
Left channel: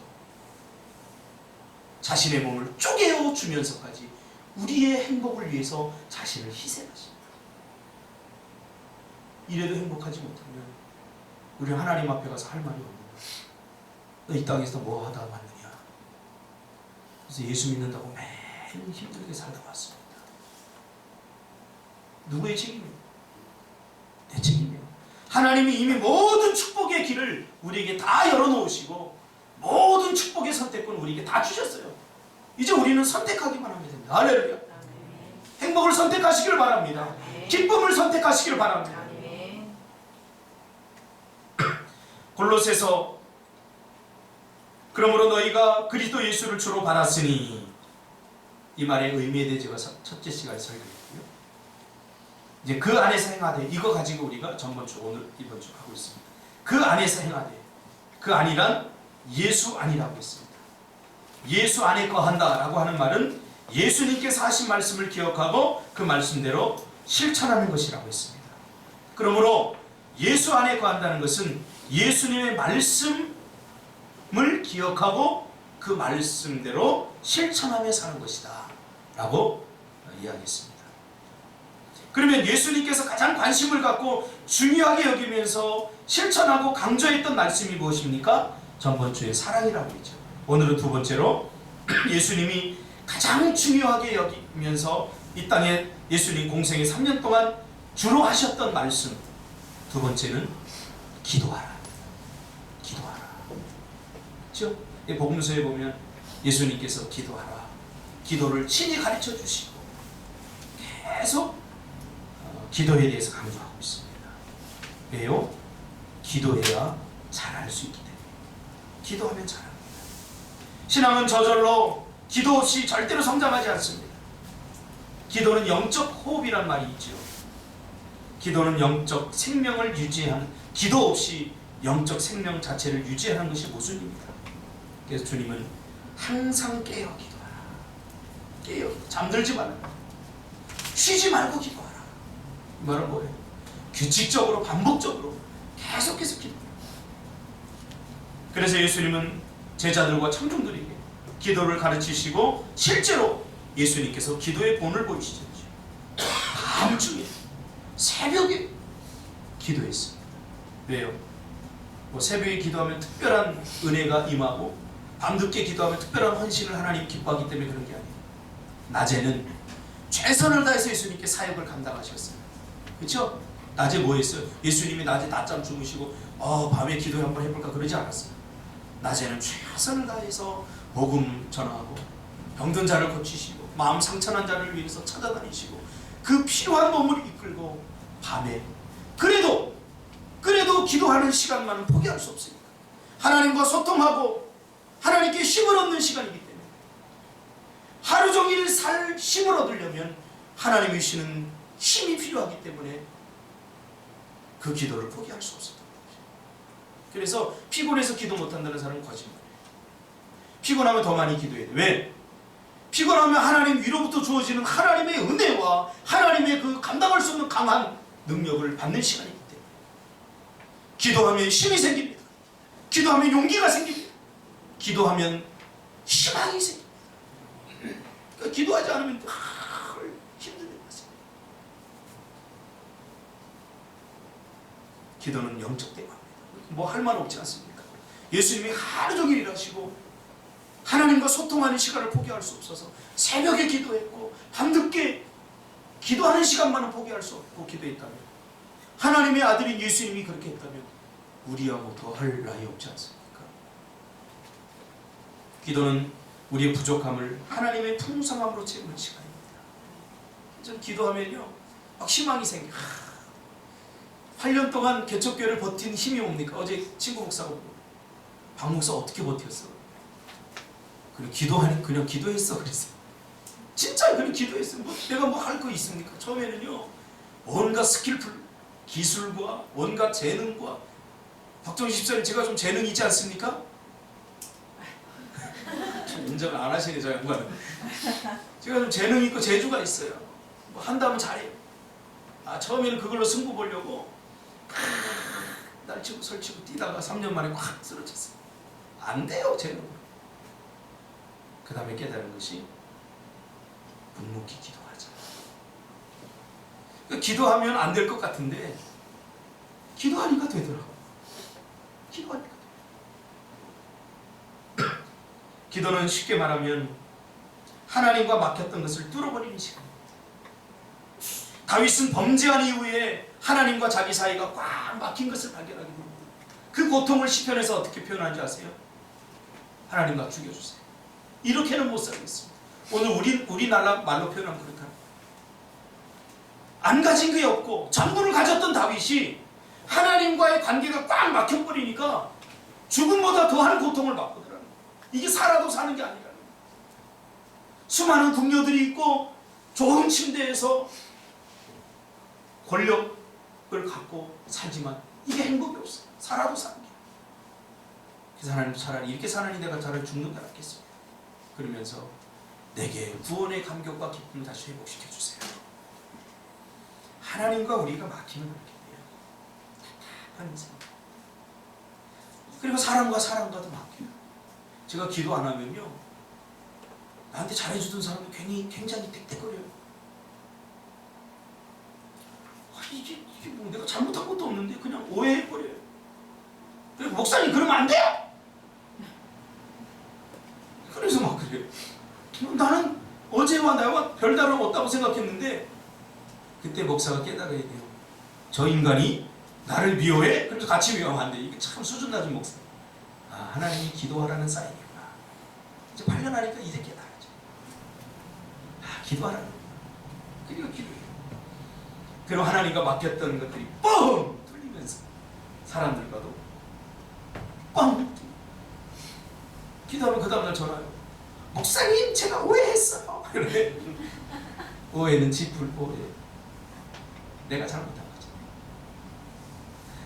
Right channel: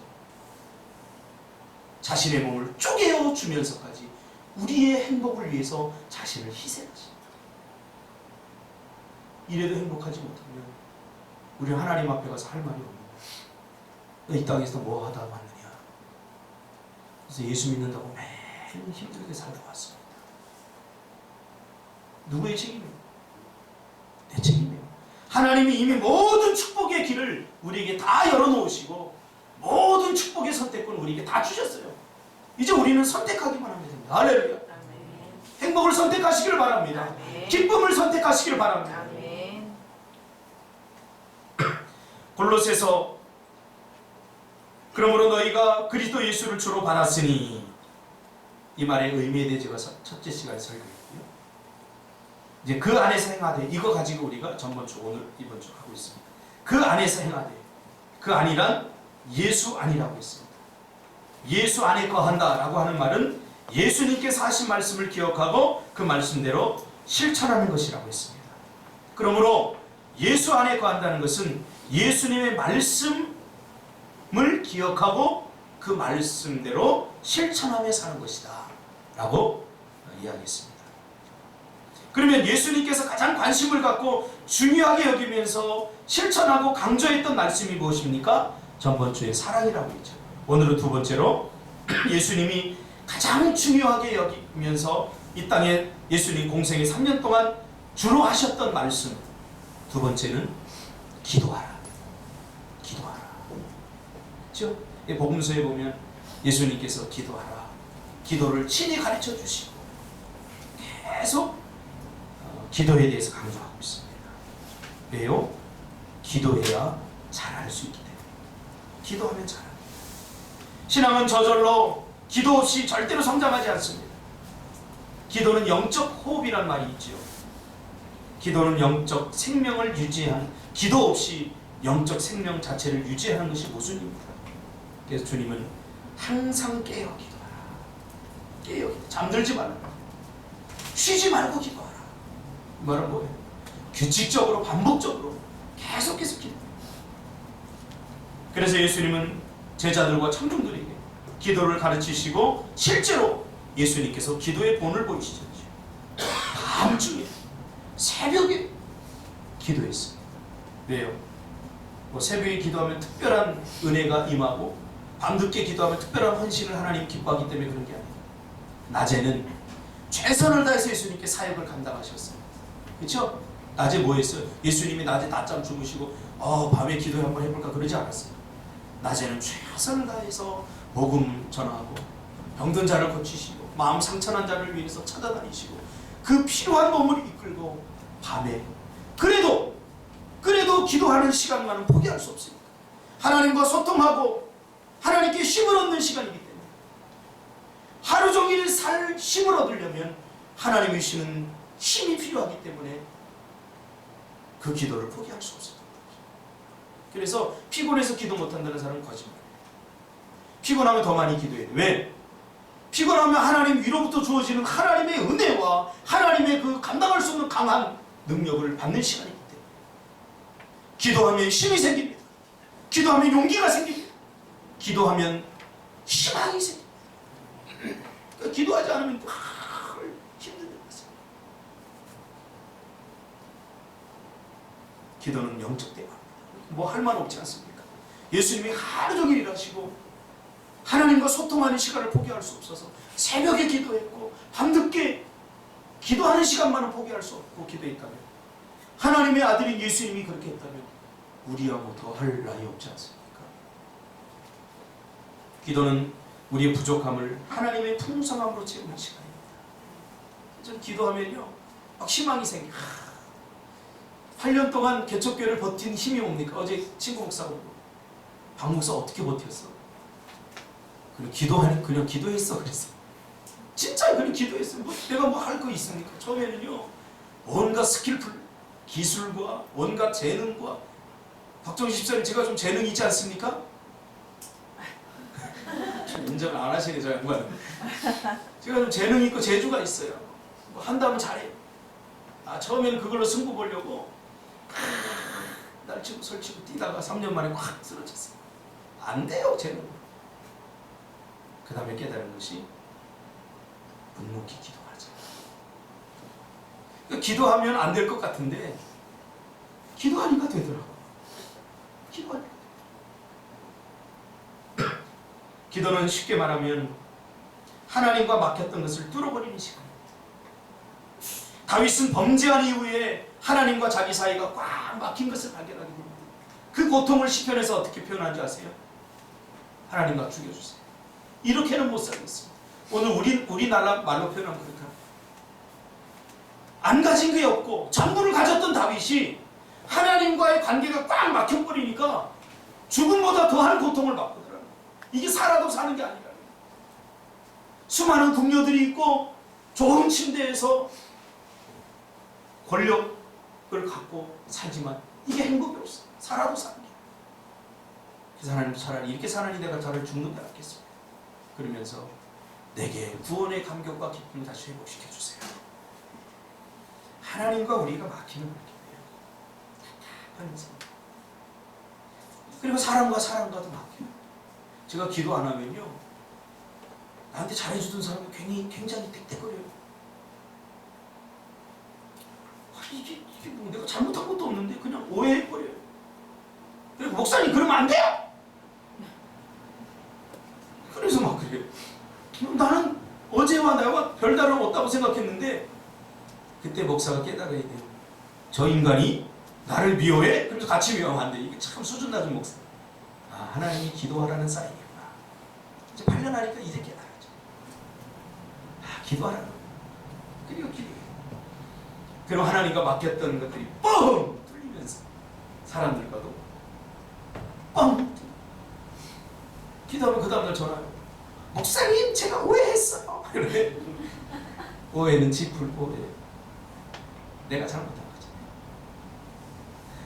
자신의 몸을 쪼개어 주면서까지 우리의 행복을 위해서 자신을 희생하십니다. 이래도 행복하지 못하면 우리 하나님 앞에 가서 할 말이 없는 거예요. 너 이 땅에서 뭐 하다 왔느냐. 그래서 예수 믿는다고 매일 힘들게 살다 왔습니다. 누구의 책임이에요? 내 책임이에요. 하나님이 이미 모든 축복의 길을 우리에게 다 열어놓으시고 모든 축복의 선택권 우리에게 다 주셨어요. 이제 우리는 선택하기만 하면 됩니다. 할렐루야. 행복을 선택하시기를 바랍니다. 기쁨을 선택하시기를 바랍니다. 골로새서 그러므로 너희가 그리스도 예수를 주로 받았으니, 이 말의 의미에 대해 제가 첫째 시간에 설교했고요. 이제 그 안에서 행하되, 이거 가지고 우리가 전번주 오늘 이번 주 하고 있습니다. 그 안에서 행하되, 그 안이란 예수 안이라고 했습니다. 예수 안에 거한다 라고 하는 말은 예수님께서 하신 말씀을 기억하고 그 말씀대로 실천하는 것이라고 했습니다. 그러므로 예수 안에 거한다는 것은 예수님의 말씀을 기억하고 그 말씀대로 실천하며 사는 것이다 라고 이야기했습니다. 그러면 예수님께서 가장 관심을 갖고 중요하게 여기면서 실천하고 강조했던 말씀이 무엇입니까? 전번주에 사랑이라고 했죠. 오늘은 두 번째로 예수님이 가장 중요하게 여기면서 이 땅에 예수님 공생의 3년 동안 주로 하셨던 말씀, 두 번째는 기도하라. 기도하라. 그렇죠? 복음서에 보면 예수님께서 기도하라, 기도를 친히 가르쳐 주시고 계속 기도에 대해서 강조하고 있습니다. 왜요? 기도해야 잘할 수 있기 때문에. 기도하면 잘합니다. 신앙은 저절로 기도 없이 절대로 성장하지 않습니다. 기도는 영적 호흡이란 말이 있죠. 기도는 영적 생명을 유지하는, 기도 없이 영적 생명 자체를 유지하는 것이 모순입니다. 그래서 주님은 항상 깨어 기도하라. 깨어, 잠들지 말라. 쉬지 말고 기도하라. 이 말은 뭐예요? 규칙적으로 반복적으로 계속해서 기도해요. 그래서 예수님은 제자들과 청중들에게 기도를 가르치시고 실제로 예수님께서 기도의 본을 보이시죠. 밤중에 새벽에 기도했습니다. 왜요? 뭐 새벽에 기도하면 특별한 은혜가 임하고 밤늦게 기도하면 특별한 헌신을 하나님 기뻐하기 때문에 그런 게 아니에요. 낮에는 최선을 다해서 예수님께 사역을 감당하셨어요. 그렇죠? 낮에 뭐 했어요? 예수님이 낮에 낮잠 주무시고 밤에 기도 한번 해볼까 그러지 않았어요. 낮에는 최선을 다해서 복음 전하고 병든 자를 고치시고 마음 상처난 자를 위해서 찾아다니시고 그 필요한 몸을 이끌고 밤에 그래도 기도하는 시간만은 포기할 수 없으니까 하나님과 소통하고 하나님께 힘을 얻는 시간이기 때문에 하루 종일 살 힘을 얻으려면 하나님이 주시는 힘이 필요하기 때문에 그 기도를 포기할 수 없었던 거죠. 그래서 피곤해서 기도 못한다는 사람은 거짓말이에요. 피곤하면 더 많이 기도해야 돼. 왜? 피곤하면 하나님 위로부터 주어지는 하나님의 은혜와 하나님의 그 감당할 수 없는 강한 능력을 받는 시간이기 때문에 기도하면 힘이 생깁니다. 기도하면 용기가 생깁니다. 기도하면 희망이 생깁니다. 그러니까 기도하지 않으면 힘든 일 같습니다. 기도는 영적 대화입니다. 뭐 할 말 없지 않습니까? 예수님이 하루 종일 일하시고 하나님과 소통하는 시간을 포기할 수 없어서 새벽에 기도했고 밤늦게 기도하는 시간만은 포기할 수 없고 기도했다면 하나님의 아들인 예수님이 그렇게 했다면 우리하고 더 할 나위 없지 않습니까? 기도는 우리의 부족함을 하나님의 풍성함으로 채우는 시간입니다. 저는 기도하면요 막 희망이 생겨. 8년 동안 개척교회를 버틴 힘이 뭡니까? 어제 친구 목사가 보고 박 목사 어떻게 버텼어? 그냥 기도하니 그냥 기도했어 그랬어. 진짜 그냥 기도했어. 뭐 내가 뭐 할 거 있습니까? 처음에는요 온갖 스킬풀 기술과 온갖 재능과 박정희 집사님 제가 좀 재능 있지 않습니까? 인정을 안 하시네 저 양반은. 제가 좀 재능 있고 재주가 있어요. 뭐 한다면 잘해요. 처음에는 그걸로 승부 보려고 날치고 설치고 뛰다가 3년 만에 확 쓰러졌어요. 안 돼요 재능으로. 그 다음에 깨달은 것이 묵묵히 기도하자. 그러니까 기도하면 안 될 것 같은데 기도하니까 되더라고요. 기도하니까 되더라고요. 기도는 쉽게 말하면 하나님과 막혔던 것을 뚫어버리는 시간입니다. 다윗은 범죄한 이후에 하나님과 자기 사이가 꽉 막힌 것을 발견하게 됩니다. 그 고통을 시편에서 어떻게 표현하는지 아세요? 하나님과 죽여주세요. 이렇게는 못 살겠습니다. 오늘 우리나라 말로 표현하면 그렇다. 안 가진 게 없고 전부를 가졌던 다윗이 하나님과의 관계가 꽉 막혀버리니까 죽음보다 더한 고통을 받거든요. 이게 살아도 사는 게 아니라 수많은 궁녀들이 있고 좋은 침대에서 권력을 갖고 살지만 이게 행복이 없어요. 살아도 사는 게. 그래서 하나님 차라리 이렇게 사느니 내가 차라리 죽는 게 낫겠습니다. 그러면서 내게 구원의 감격과 기쁨을 다시 회복시켜 주세요. 하나님과 우리가 막히면 그렇게 돼요. 답답한 인생. 그리고 사람과도 막혀요. 제가 기도 안 하면요 나한테 잘해주던 사람이 굉장히 땡땡거려요. 이게 뭐 내가 잘못한 것도 없는데 그냥 오해해버려요. 그리고 목사님 그러면 안 돼요! 그래서 막 그래요. 나는 어제와 나와 별다름 없다고 생각했는데 그때 목사가 깨달아야 돼요. 저 인간이 나를 미워해? 그래서 같이 미워하면 안 돼. 이게 참 수준 낮은 목사. 하나님이 기도하라는 사인이구나. 이제 8년 하니까 이제 깨달았죠. 기도하라는 거구나. 그리고 기도해요. 그리고 하나님과 맡겼던 것들이 뻥 뚫리면서 사람들과도 뻥 뚫리고 기도하면 그 다음날 전화요. 목사님 제가 오해했어요. 그런데 오해는 지풀 오해. 내가 잘못한 거지.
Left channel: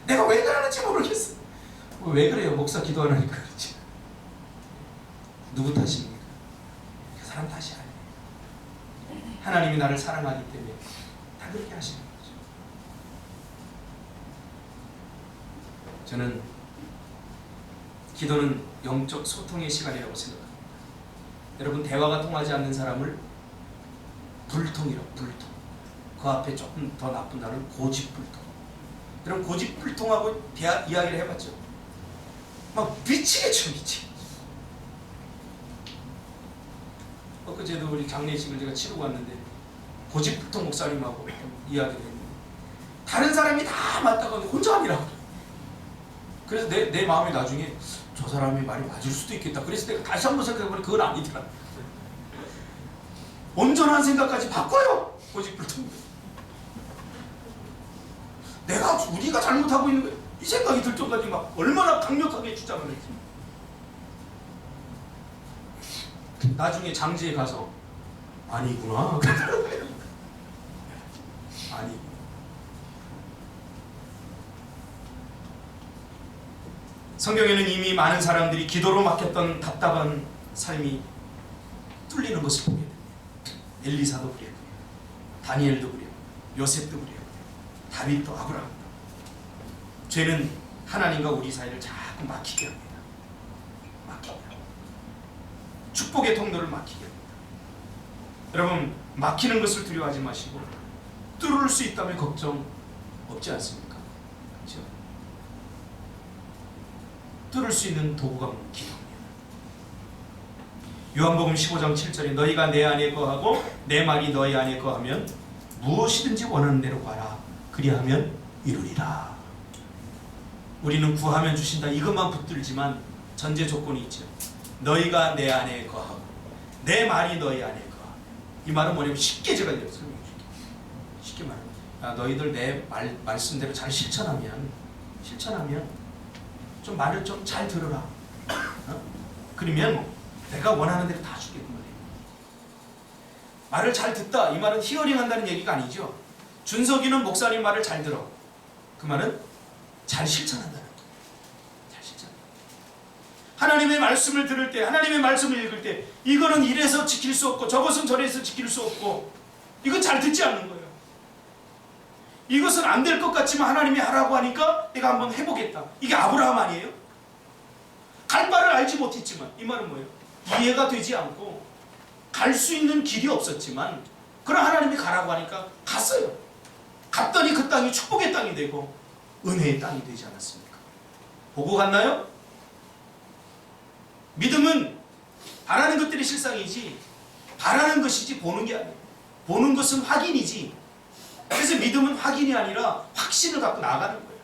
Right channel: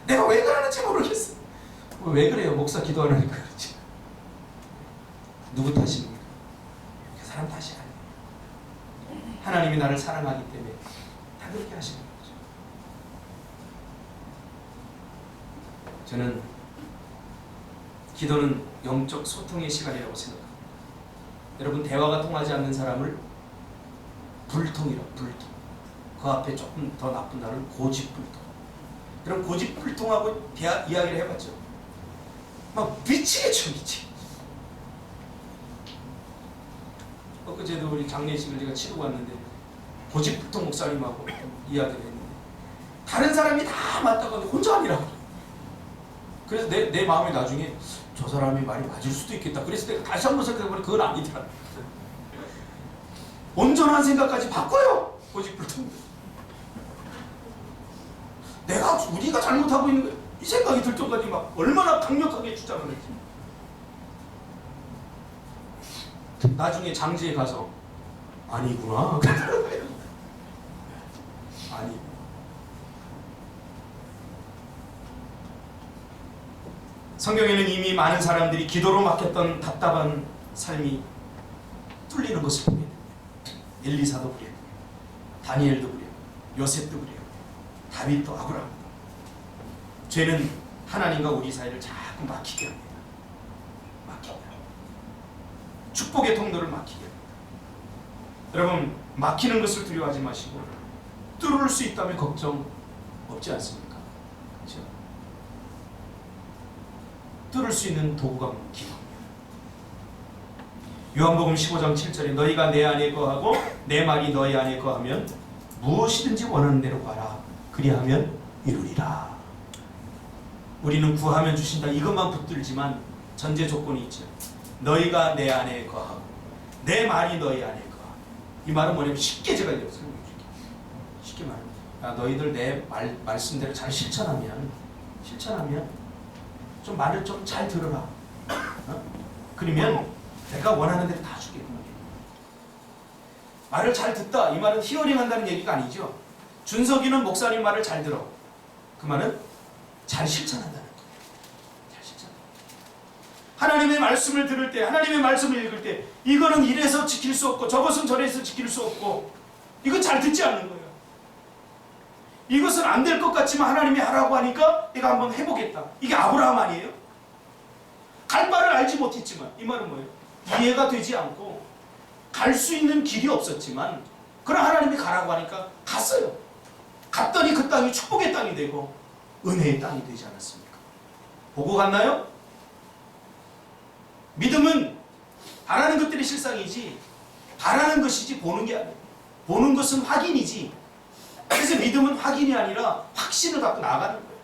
내가 왜 그러는지 모르겠어. 왜 그래요? 목사 기도 안 하니까 그렇지. 누구 탓입니까? 그 사람 탓이 아니에요. 하나님이 나를 사랑하기 때문에 다 그렇게 하시는 거죠. 저는 기도는 영적 소통의 시간이라고 생각합니다. 여러분 대화가 통하지 않는 사람을 불통이라고 불통. 그 앞에 조금 더 나쁜 단어는 고집불통. 여러분 고집불통하고 이야기를 해봤죠. 막 미치겠죠 미치겠죠. 엊그제도 우리 장례식을 제가 치르고 왔는데 고집불통 목사님하고 이야기를 했는데 다른 사람이 다 맞다가 혼자 아니라고. 그래서 내 마음이 나중에 저 사람이 말이 맞을 수도 있겠다. 그래서 내가 다시 한번 생각해보니 그건 아니더라. 온전한 생각까지 바꿔요. 고집불통. 우리가 잘못하고 있는 거예요. 이 생각이 들 정도까지 막 얼마나 강력하게 주장을 했지. 나중에 장지에 가서 아니구나. 아니. 성경에는 이미 많은 사람들이 기도로 막혔던 답답한 삶이 뚫리는 것을 보게 됩니다. 엘리사도 그랬고요. 다니엘도 그래요. 요셉도 그래요. 다윗도 아브라함도. 죄는 하나님과 우리 사이를 자꾸 막히게 합니다. 막히게 합니다. 축복의 통로를 막히게 합니다. 여러분, 막히는 것을 두려워하지 마시고 뚫을 수 있다면 걱정 없지 않습니까? 그렇죠? 뚫을 수 있는 도구가 기도입니다. 요한복음 15장 7절에 너희가 내 안에 거하고 내 말이 너희 안에 거하면 무엇이든지 원하는 대로 구하라. 그리하면 이루리라. 우리는 구하면 주신다 이것만 붙들지만 전제 조건이 있죠. 너희가 내 안에 거하고 내 말이 너희 안에 거하고. 이 말은 뭐냐면 쉽게 제가 설명해 줄게요. 쉽게 말하면 너희들 내 말씀대로 잘 실천하면 좀 말을 좀 잘 들어라. 그러면 내가 원하는 대로 다 주겠구만. 말을 잘 듣다 이 말은 히어링 한다는 얘기가 아니죠. 준석이는 목사님 말을 잘 들어. 그 말은 잘 실천한다는 거예요. 잘 실천. 하나님의 말씀을 들을 때, 하나님의 말씀을 읽을 때 이거는 이래서 지킬 수 없고 저것은 저래서 지킬 수 없고 이건 잘 듣지 않는 거예요. 이것은 안 될 것 같지만 하나님이 하라고 하니까 내가 한번 해보겠다. 이게 아브라함 아니에요? 갈 바를 알지 못했지만 이 말은 뭐예요? 이해가 되지 않고 갈 수 있는 길이 없었지만 그러나 하나님이 가라고 하니까 갔어요. 갔더니 그 땅이 축복의 땅이 되고 은혜의 땅이 되지 않았습니까? 보고 갔나요? 믿음은 바라는 것들이 실상이지 바라는 것이지 보는 게 아니에요. 보는 것은 확인이지. 그래서 믿음은 확인이 아니라 확신을 갖고 나아가는 거예요.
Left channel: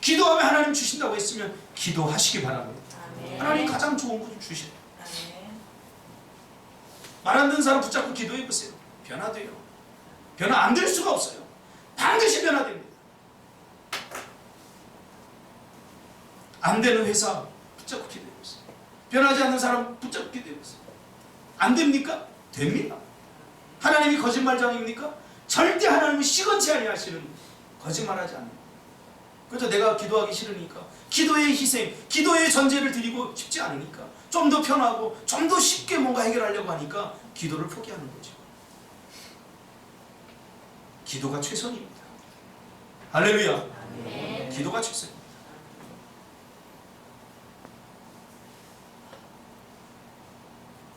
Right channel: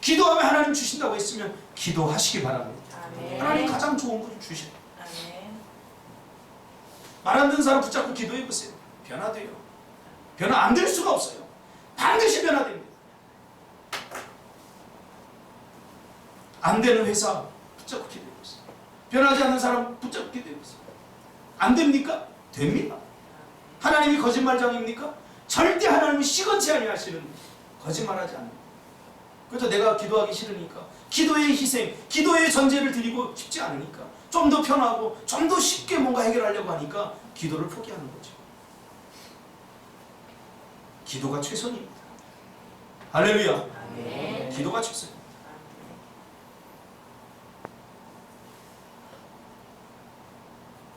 기도하면 하나님 주신다고 했으면 기도하시기 바랍니다. 아멘. 하나님 가장 좋은 거 좀 주시라. 말 안 듣는 사람 붙잡고 기도해보세요. 변화돼요. 변화 안 될 수가 없어요. 반드시 변화됩니다. 안 되는 회사 붙잡고 기도해보세요. 변하지 않는 사람 붙잡고 기도해보세요. 안 됩니까? 됩니다. 하나님이 거짓말장입니까? 절대 하나님이 시건치 아니하시는 거짓말하지 않아요. 그래서 내가 기도하기 싫으니까 기도의 희생, 기도의 전제를 드리고 싶지 않으니까 좀 더 편하고 좀 더 쉽게 뭔가 해결하려고 하니까 기도를 포기하는 거죠. 기도가 최선입니다. 할렐루야. 네. 기도가 최선입니다.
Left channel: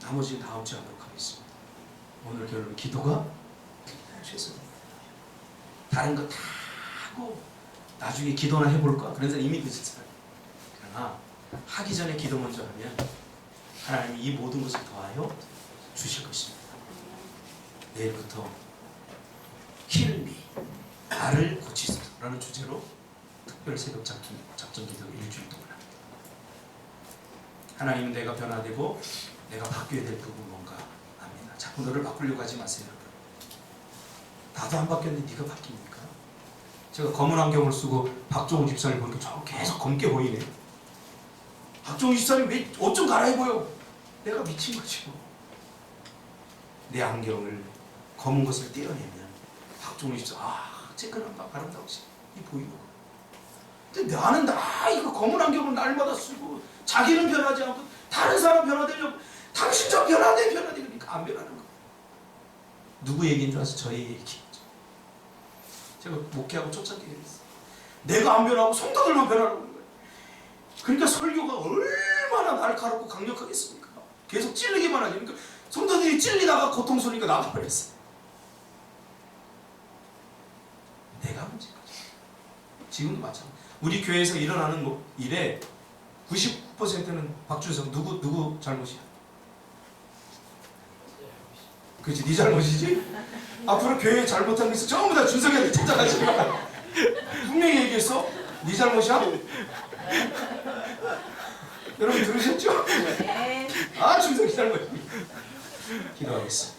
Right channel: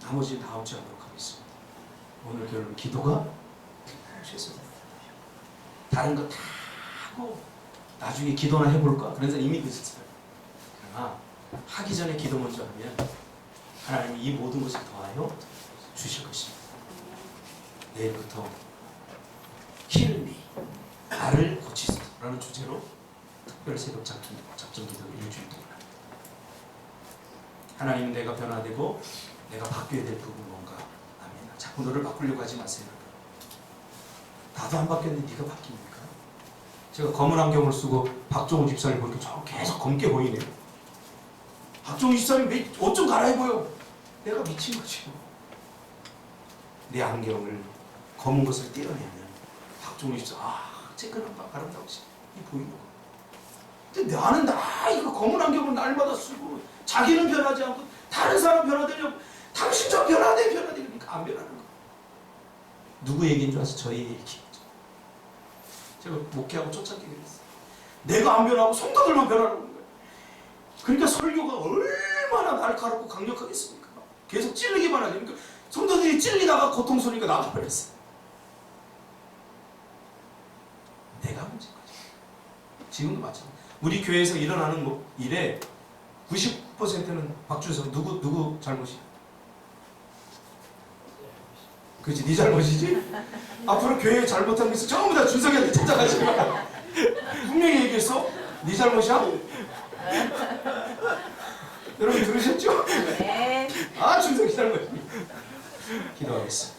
나머지는 다음 주에 하도록 하겠습니다. 오늘 결론 기도가 최선입니다. 다른 거 다 하고 나중에 기도나 해볼까? 그런 사람 이미 늦었어요. 그러나 하기 전에 기도 먼저 하면 하나님이 이 모든 것을 더하여 주실 것입니다. 내일부터 Heal me, 나를 고치소서라는 주제로 특별 새벽 작전 기도를 일주일 동안 합니다. 하나님은 내가 변화되고 내가 바뀌어야 될 부분 뭔가 압니다. 자꾸 너를 바꾸려고 하지 마세요. 나도 안 바뀌었는데 네가 바뀝니까? 제가 검은 안경을 쓰고 박종우 집사님 보니까 저 계속 검게 보이네요. 박종우 집사님 왜 옷 좀 갈아입어요? 내가 미친 거지. 내 안경을 검은 것을 떼어내면 박종우 집사 쬐끈한 아름다우시 이 보이는 거. 근데 나는 이거 검은 안경을 날마다 쓰고 자기는 변하지 않고 다른 사람 변화되려고 당신 좀 변화돼 그러니까 안 변하는 거. 누구 얘기인 줄 아세요? 저희 얘기죠. 제가 목회하고 초창기에 그랬어요. 내가 안 변하고 성도들만 변하라고 하는 거예요. 그러니까 설교가 얼마나 날카롭고 강력하겠습니까? 계속 찔리기만 하죠. 그러니까 성도들이 찔리다가 고통스러우니까 나가버렸어요. 내가 문제인 거죠. 지금도 마찬가지. 우리 교회에서 일어나는 일에 99%는 박준석 누구 잘못이야? 그렇지, 네 잘못이지? 앞으로 교회에 잘못한 게 있어 전부 다 준석이한테 찾아가지 마. 분명히 얘기했어? 네 잘못이야? 여러분 들으셨죠? 네. 준석이 잘못이야. 기도하겠습니다.